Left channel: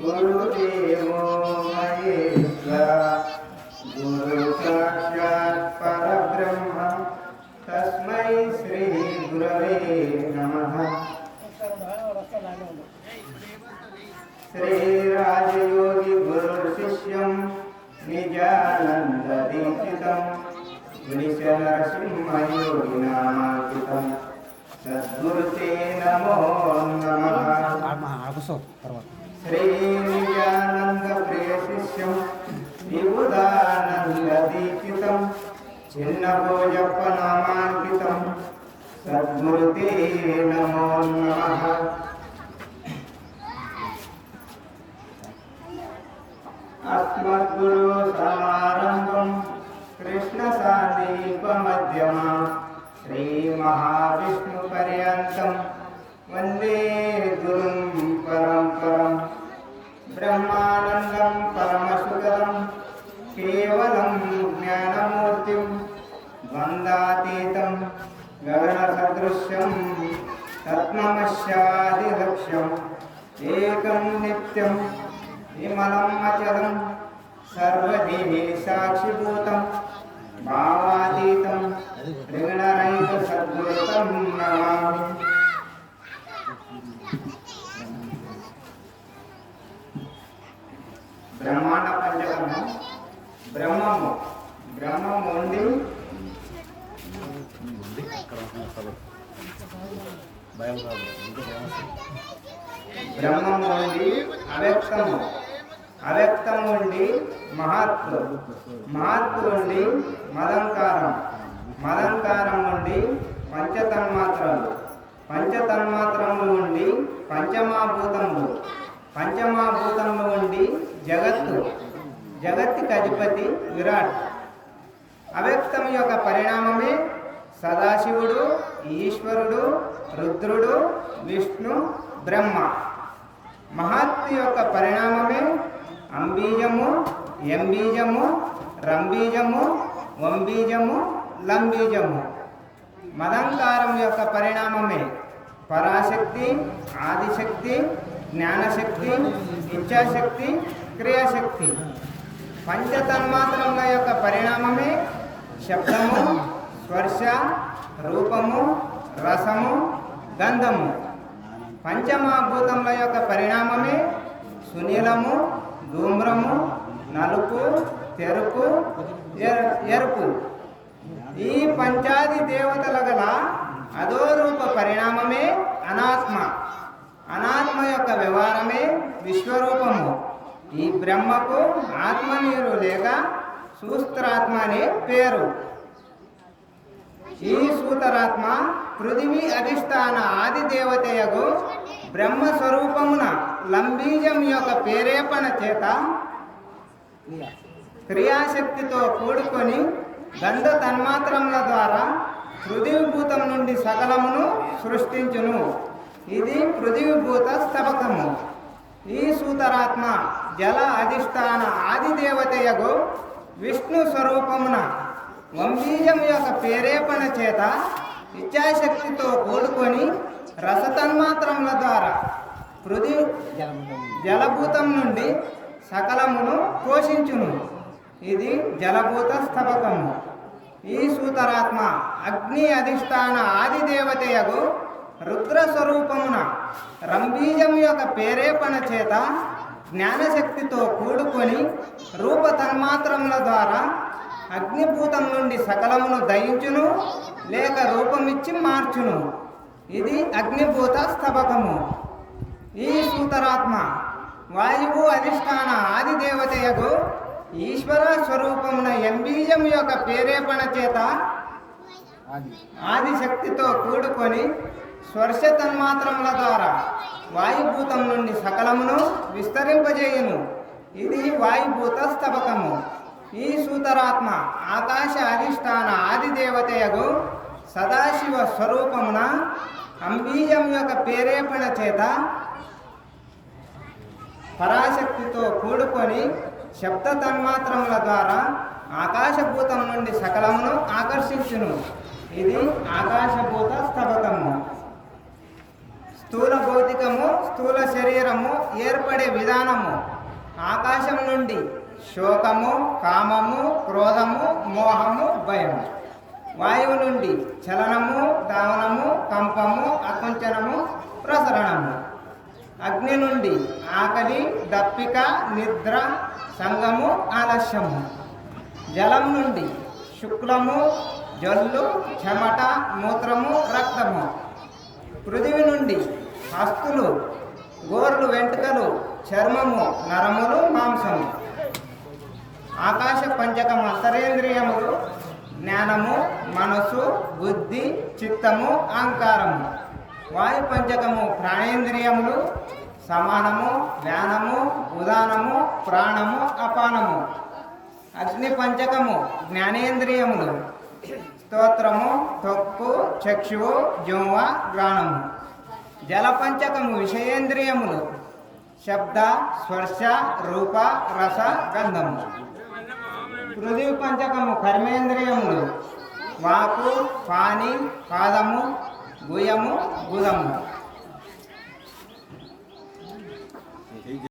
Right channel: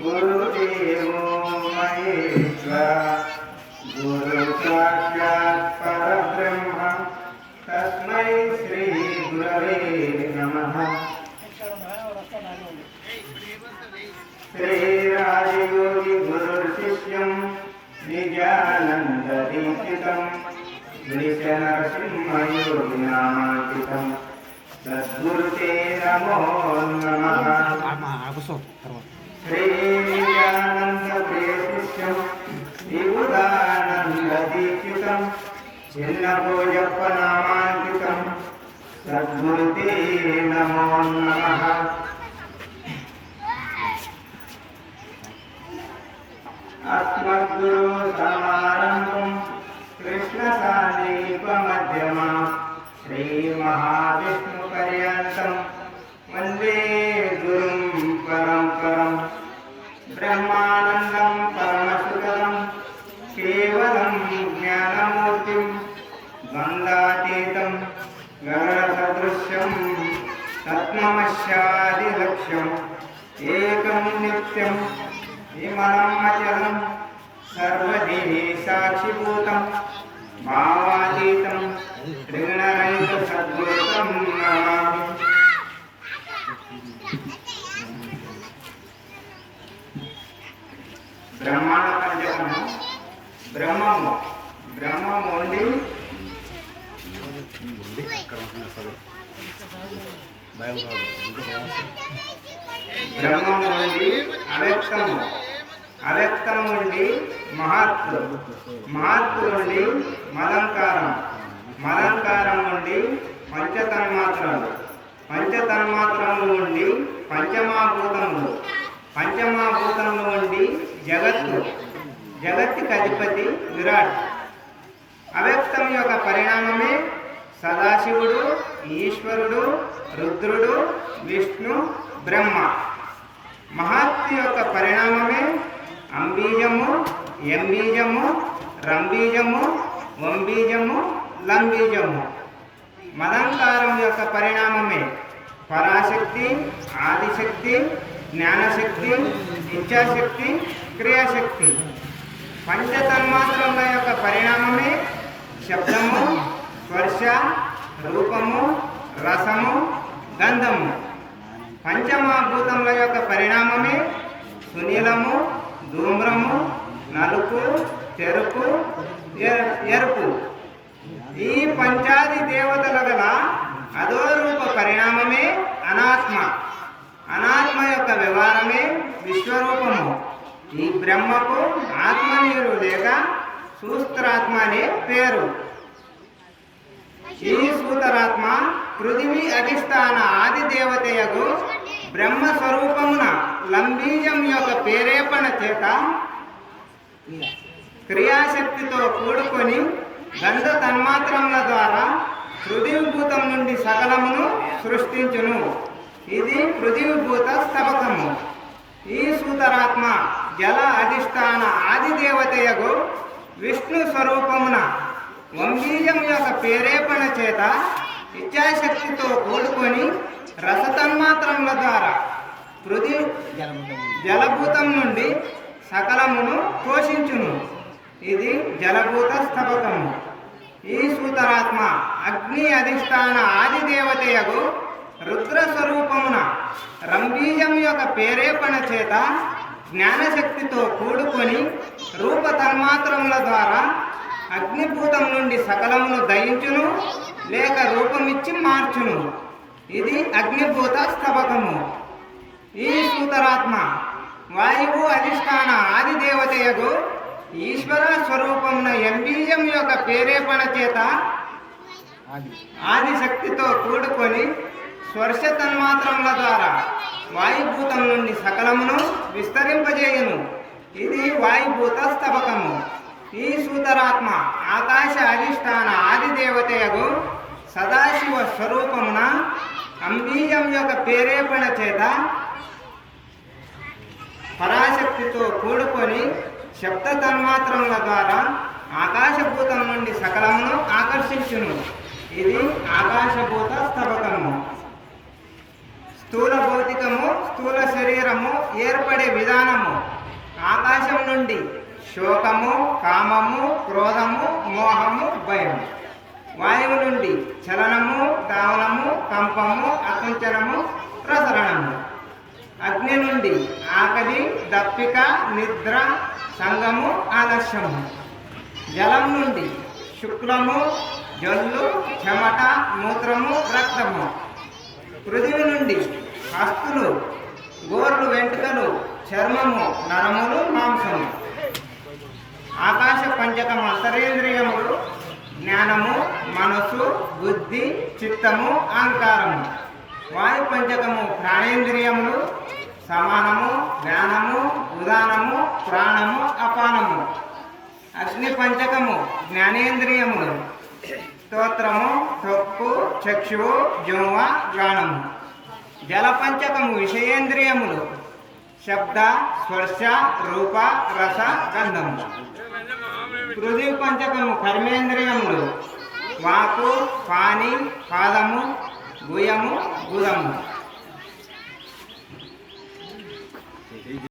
गुरुदेवो महेश्वर गुरु साक्षात् परब्रह्म तस्मै श्रीगुरवे नमः श्रीराजयोगि गुरुशिष्यं निजानन्ददीक्षितं नृसिंहयोगिनामाङ्कितं सद्गुरुते नमो नमः శ్రీనిత్యానంద తర్వాత. శిష్యం అస్మద్గురు సమారంభం కృష్ణ సాందీప మధ్యమా శ్రీ మహావిష్ణు పర్యంతం. వందే लक्ष्यं तन्मश्यादिलक्ष्यम् एकं नित्यं विमलम् अचलं सर्वदिने साक्षिभूतं मामातीतं ऋणरहितसद्वृतं नमामि। ब्रह्माण्ड ब्रह्ममुख బ్రహ్మం నుండి అవ్యక్తము అవ్యక్తం ఉండి మహాత్ మహాత్తు నుండి మలంకారం మలంకారం ఉండి పంచతన్మాత్రలు. పంచతన్మాత్రములు ఉండి పంచమాభూతములు. పంచమాభూతములు ఉండి జగత్తు. జగత్తుకి అధిపతి విరాట్. అవ్యక్తం యొక్క పరిణామమే సదాశివుడు ఈశ్వరుడు రుద్రుడు విష్ణు బ్రహ్మ. మహాత్మ యొక్క పరిణామమే అంబీజము ఎంబీజము రంబీజము వంబీజము లంబీజము. మదంతారం యొక్క పరిణామమే పరాశక్తి ఆదిశక్తి జ్ఞానశక్తి ఇచ్ఛాశక్తి క్రియాశక్తి. పంచతన్మాత్రముల యొక్క పరిణామమే శబ్దము స్పర్శ రూపము రసము గంధము. పంచమభూతముల యొక్క పరిణామమే సునీలము ధూమ్రము నలుపు తెరుపు ఎరుపు. ఈ పంచాది దేవతల గల అధోరూప పరిణామమే అనాత్మ. అనాత్మ యొక్క వ్యవహారమే విశ్వరూపము. ఈ బ్రహ్మకు ఆత్మ నీరు లేక సూస్త్రాత్మ అనే పేరు. ఈ సూతరాత్మ పృథివీ అధిష్టాన ఆది దేవతయగు బ్రహ్మ స్వరూపమున లంబీజం యొక్క ప్రేరేపణ చేత క్రియాశక్తితో కూడుకొని గంధ తన్మాత్రముల ద్వారా పృథివీభూతం నుండి సకలమును సృష్టించును. ఇది పృథివీభూత స్తబకము ఈ సూతరాత్మ జల అధిష్టాన ఆది దేవతయగు విష్ణు స్వరూపమున వంబీజం యొక్క ప్రేరేపణ చేత ఇచ్చాశక్తితో కూడుకొని రసతన్మాత్రముల ద్వారా పృథి జలభూతం నుండి సకలమును పోషించును. ఇది జలభూత స్థపకము. ఈ సూతరాత్మ అగ్ని అధిష్టాన ఆది దేవతయగు రుద్ర స్వరూపమున రంభీజం యొక్క ప్రేరేపణ చేత జ్ఞానశక్తితో కూడుకొని రూప తన్మాత్రముల ద్వారా అగ్నిభూతం నుండి సకలమును దయించును లేక రూపమిచ్చి మార్చును. ఇది అగ్నిభూత స్తబకము ఈ సూతరాత్మ వాయువు అధిష్టాన ఆది దేవతయగు ఈశ్వర స్వరూపమున ఎంబీజం యొక్క ప్రేరేపణ చేత ఆది. శక్తితో కూడుకొని స్పర్శ తన్మాత్రముల ద్వారా వాయుభూతం నుండి సకలమును విస్తరింపజేయును. ఇది వాయుభూత స్తబకము ఈ సూతరాత్మ ఆకాశ అధిష్టాన ఆదిదేవతయగు సదాశివ స్వరూపమున అంబీయం యొక్క ప్రేరేపణ చేత పరాశక్తితో కూడుకొని శబ్ద తన్మాత్రముల ద్వారా ఆకాశభూతం నుండి సకలమును ఆకర్షించును. ఇది ఆకాశభూత స్తబకము స్థూల భౌతికము స్థూల శరీరము ఏర్పడే విధానము. ఆకాశం నుండి శోకము కామము క్రోధము మోహము భయము. వాయువు నుండి చలనము దావనము కంపము అకుంచనము ప్రసరణము. అగ్ని నుండి ఆకలి దప్పిక నిద్ర సంగము ఆలస్యము. జలం నుండి శుక్లము జల్లు చెమట మూత్రము రక్తము. పృథివీ నుండి హస్తులు గోర్లు వెంట్రుకలు చర్మము నరములు మాంసము. ఆకాశ పంచకము అంతరేంద్రియములు జ్ఞానము మనసు బుద్ధి చిత్తము అహంకారము. వాయు పంచకము ప్రాణేంద్రియములు సమానము జ్ఞానము ఉదానము ప్రాణము అపానము. అగ్ని పంచకము జ్ఞానేంద్రియములు. స్తోత్రము తొక్కు చక్షువు జువ గానము జలపంచకము విషయేంద్రియములు. శబ్ద స్పర్శ రూప రస గంధము. పృథ్వీ పంచకము కర్మేంద్రియములు. వాకు పాని పాదము గుయము గుదము